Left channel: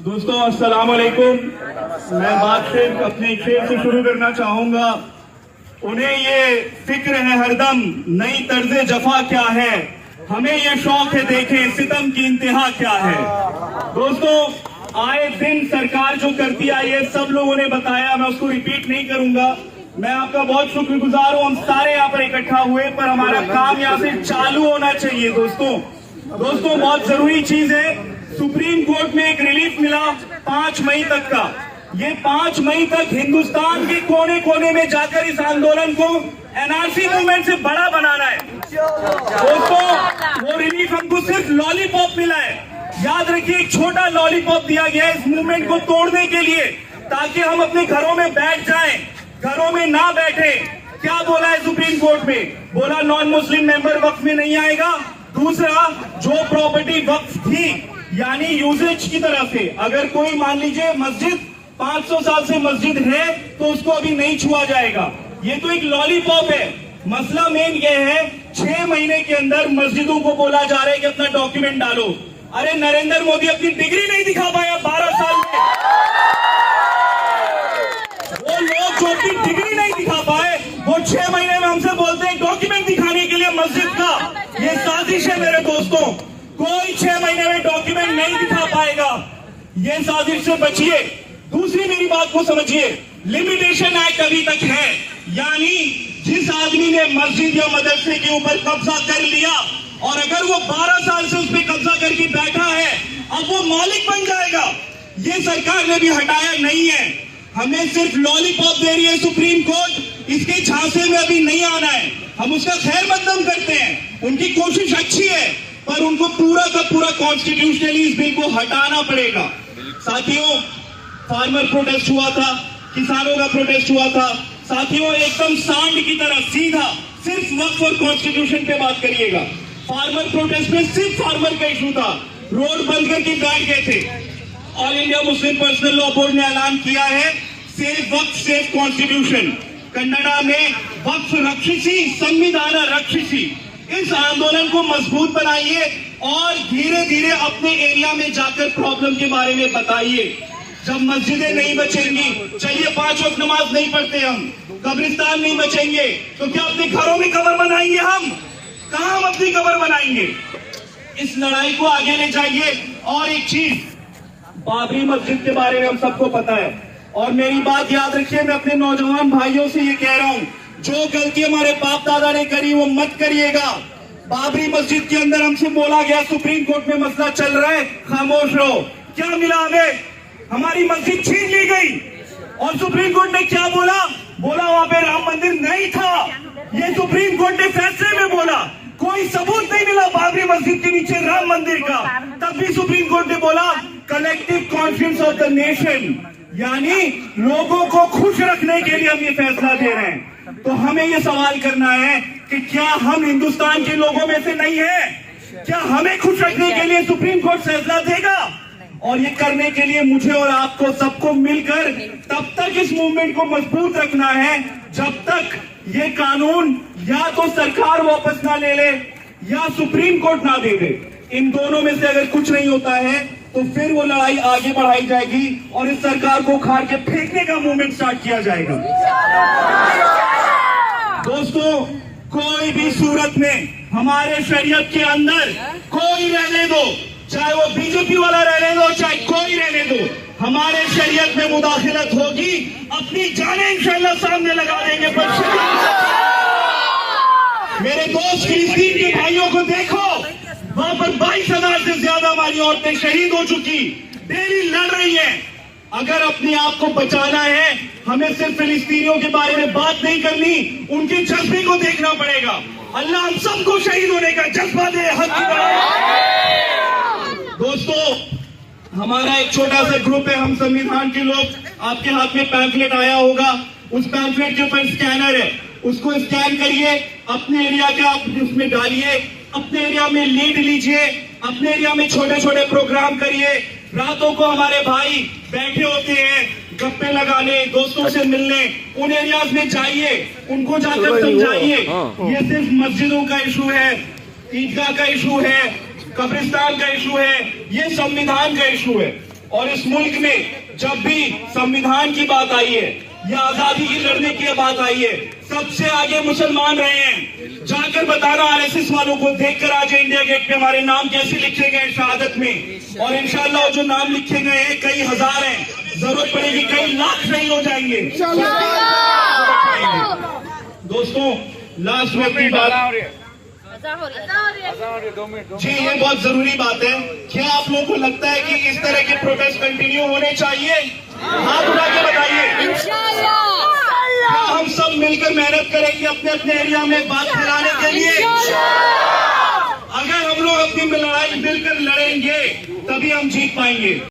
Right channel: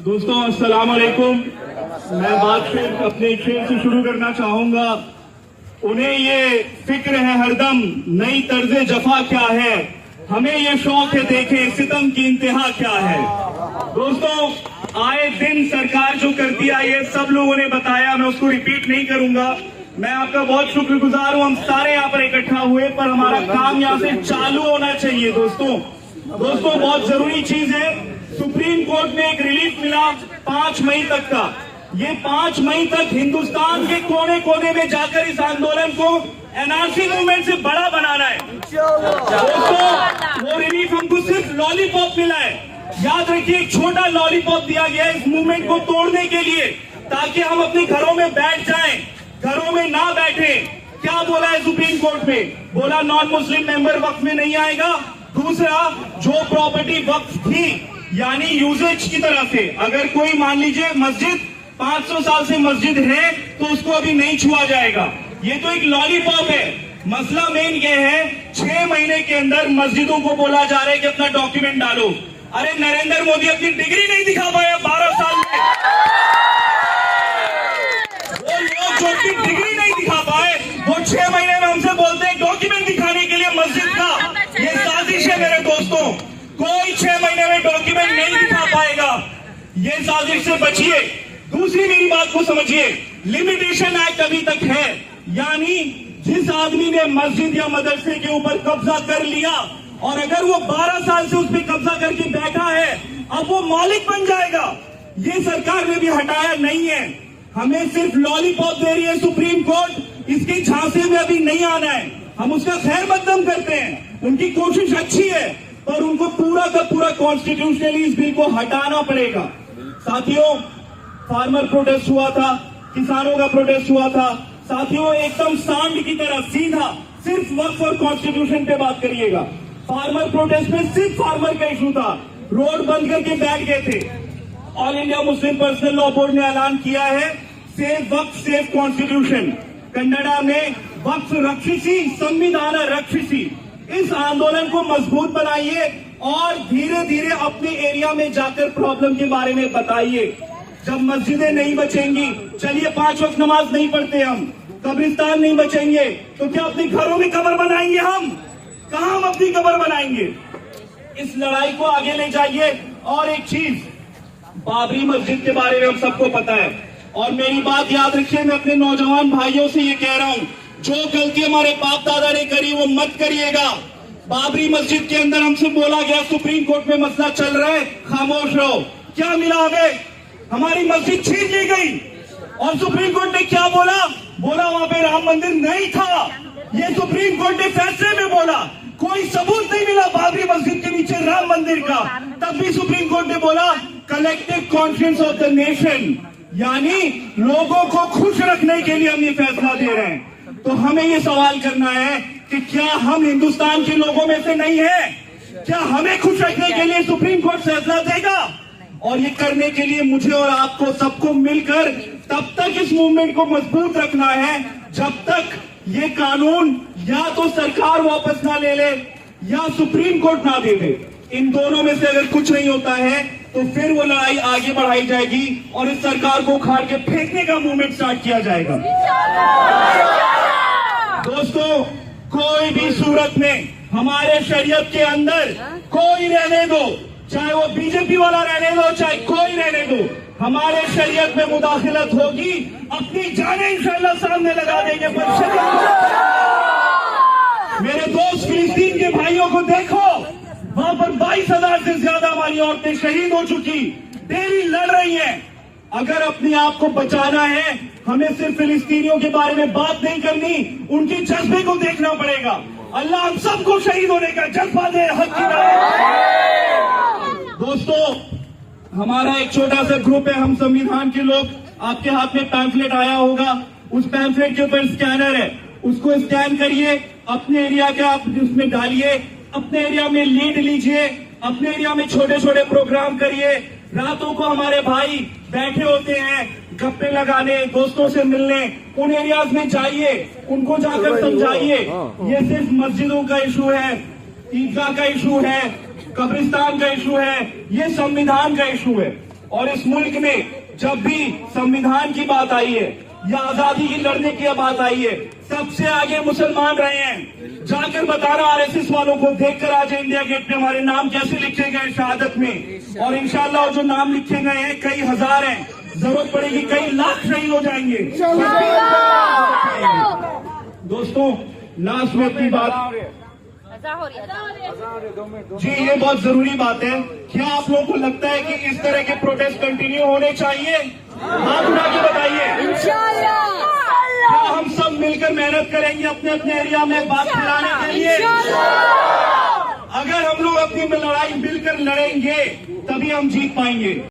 दोस्तों अस्सलाम वालेकुम। मैं बात सिर्फ अपने शेर से शुरू करना चाहूंगा। उन्हें ये फिक्र है हरदम नई तर्ज जफा क्या है, हमें ये शौक है देखें सितम की इंतहा क्या है। दोस्तों आए दिन सरकार जो करती आई है सब लोगों ने बताया, मैं उसको रिपीट नहीं करूंगा। मैं आपका बहुत शुक्रगुजार हूं, हम सारे यहाँ पर इकट्ठा हुए, पर हमारा काम यहाँ से चालू होना चाहिए। दोस्तों बहुत जरूरी चीज है। सुप्रीम कोर्ट में एक रिलीफ मिला 5 मई तक का। ये 5 मई तक हिंदुस्तान के कोने कोने में जाकर इस आंदोलन को एनआरसी मूवमेंट से बड़ा बनाना है। दोस्तों वो रिलीफ हमको सिर्फ लॉलीपॉप मिला है। याद रखिए, एक छोटा लॉलीपॉप दिया गया है इस मूवमेंट को तोड़ने के लिए, ताकि हम अपने घरों में बैठ जाएं, घरों में ना बैठे। क्या बोला है सुप्रीम कोर्ट में? बोला नॉन मुस्लिम मेंबर वक्फ में नहीं आएगा। दूसरा, जो प्रॉपर्टी वक्फ थी यानी यूजेज की तरह से, अगर कोई मान लीजिए मस्जिद 500 साल से मस्जिद है तो उसको अभी नहीं छुआ जाएगा। ये तो एक लॉलीपॉप है। मसला मेन ये है, 6 महीने के अंदर मस्जिदों को बोला जा रहा है कि अपना डॉक्यूमेंट डालो। अरे नरेंद्र मोदी अपनी डिग्री नहीं दिखा पाया 12 साल में। वो लोग जो अपनी डिग्री नहीं दिखा पाए, वो 6 महीने में हमसे बोलते हैं डॉक्यूमेंट दिखाने के लिए मस्जिद का। ये साजिश है मेरे दोस्तों। कोई 6 महीने में डॉक्यूमेंट नहीं दिखा पाएगा। ये साजिश से बचिए। दूसरी मेरी बात को समझिए, लिमिटेशन एक्ट अभी तक है, यानी जिस आदमी ने मस्जिद या मदरसे के ऊपर कब्जा कर लिया और अगर वो 12 साल से उस पर कब्जा करके बैठा है, अब वो मालिक बन जाएगा। ये सरकार ने भी हटाया नहीं है। हमें सिर्फ लॉलीपॉप दे रही है सुप्रीम कोर्ट, इसके झांसे में अभी नहीं आना है। हम उसका खैर मकदम करते हैं, उनकी कोशिश अच्छी है, पर उनको पूरा का पूरा कॉन्स्टिट्यूशनली इस बिल को हटाना पड़ेगा। साथियों, फार्मर प्रोटेस्ट हुआ था, किसानों का प्रोटेस्ट हुआ था। साथियों एकदम सांड की तरह सीधा सिर्फ वक्फ और कॉन्स्टिट्यूशन पे बात करिएगा। फार्मर प्रोटेस्ट में सिर्फ फार्मर का इशू था, रोड बंद करके बैठ गए थे। All India Muslim personal law board ने ऐलान किया है सेफ वक्फ सेफ कॉन्स्टिट्यूशन, कन्नड़ा में वक्फ रक्षिसी संविधान रक्षिसी। इस आंदोलन को मजबूत बनाइए और धीरे धीरे अपने एरिया में जाकर प्रॉब्लम के बारे में बताइए। जब मस्जिदें नहीं बचेंगी, चलिए 5 वक्त नमाज नहीं पढ़ते हम, कब्रिस्तान नहीं बचेंगे, तो क्या अपने घरों में कब्र बनाएंगे हम? कहां हम अपनी कब्र बनाएंगे? इस लड़ाई को आगे ले जाइए। और एक चीज, बाबरी मस्जिद के बारे में हम सबको पता है, और मेरी बात याद रखिए, मैं अपने नौजवान भाइयों से ये कह रहा हूं, जो गलती हमारे बाप दादा ने करी वो मत करिएगा। बाबरी मस्जिद के अंदर हमसे बोला गया सुप्रीम कोर्ट में मसला चल रहा है, खामोश रहो। क्या मिला हमें? हमारी मस्जिद छीन ली गई। और सुप्रीम कोर्ट ने क्या बोला? बोला वहां पे राम मंदिर नहीं था। ये सुप्रीम कोर्ट ने फैसले में बोला। कोई सबूत नहीं मिला बाबरी मस्जिद के नीचे राम मंदिर का। तब भी सुप्रीम कोर्ट ने बोला collective conscience of the nation, यानी लोगों को खुश रखने के लिए हम ये फैसला दे रहे हैं। तो हमें ये सवाल करना है कि क्या हम हिंदुस्तान के लोगों में से नहीं है? क्या हमें खुश रखने के लिए सुप्रीम कोर्ट फैसला देगा? और ये करने के लिए मुझे और आपको सबको मिलकर तब तक इस मूवमेंट को मजबूत रखना है जब तक ये कानून या तो सरकार वापस ना ले ले या सुप्रीम कोर्ट ना दे दे। इन दोनों में से अगर कुछ नहीं होता है तो फिर वो लड़ाई आगे बढ़ाई जाएगी और इस सरकार को उखाड़ के फेंकने का मूवमेंट स्टार्ट किया जाएगा। दोस्तों, कोई भी सूरत में हमारे शरीयत के अंदर कोई रहने दो, चाहे वो बीजेपी वाला रहने दो, चाहे कोई रहने दो, हमारे शरीयत में मुदाखिलत होगी, अपनी जानें इंशाअल्लाह सामने लगा देंगे। मेरे दोस्त फिलिस्तीन के भाइयों को देखो, वहां पर 22,000 से ज्यादा हमारी औरतें शहीद हो चुकी, डेली लड़ रही हैं। अगर अपने आप को बचाना है, हमें सिर्फ फिलिस्तीनियों के बारे में बात नहीं करनी, उनके जज्बे को देखना पड़ेगा। अल्लाह हम सबको शहीद होने का जज्बा दे। हक की दोस्तों, हमारा एक छोटा सा ग्रुप है, हम संविधान के लोग। आपके हाथ में पैम्फलेट आया होगा, उस पैम्फलेट के ऊपर स्कैनर है, उसको स्कैन करिए, अपने एरिया का आप उसमें डालिए, अपने एरिया में लीड लीजिए, अपने एरिया में छोटे छोटे प्रोग्राम करिए। रातों को हमारे भाई बैठे होते हैं गप्पे लगाने, दोस्तों से मिलने, उन एरियाज में जाइए, उनको जाकर समझाइए ये सिर्फ मस्जिदों का इशू है, ईदगाह का इशू है, कब्रिस्तान का इशू है, ये संविधान का इशू है। और इस मुल्क में जब भी संविधान की बात आई है या आजादी की लड़ने की बात आई है, सबसे आगे मुसलमान रहे हैं। जाकर बताना आरएसएस वालों को, देखकर आज इंडिया गेट पे हमारे नाम कैसे लिखे गए शहादत में, और इंशाल्लाह जो नाम लिखे गए हैं कई हजार हैं, जरूरत पड़ेगी कई लाख शहीद हो जाएंगे। दोस्तों लास्ट में अपनी बात, जी ये बहुत जरूरी बात है। क्या आप लोगों को लगता है कि इस तरह के प्रोटेस्ट कंटिन्यू होने चाहिए? हाथ उठा के बताइए। क्या हम सब मिलकर मेहनत करेंगे अपने अपने एरिया में बात फैलाने के लिए? अगर हम लोग अपनी लड़ाई मिलकर लड़ेंगे तभी हम जीत पाएंगे।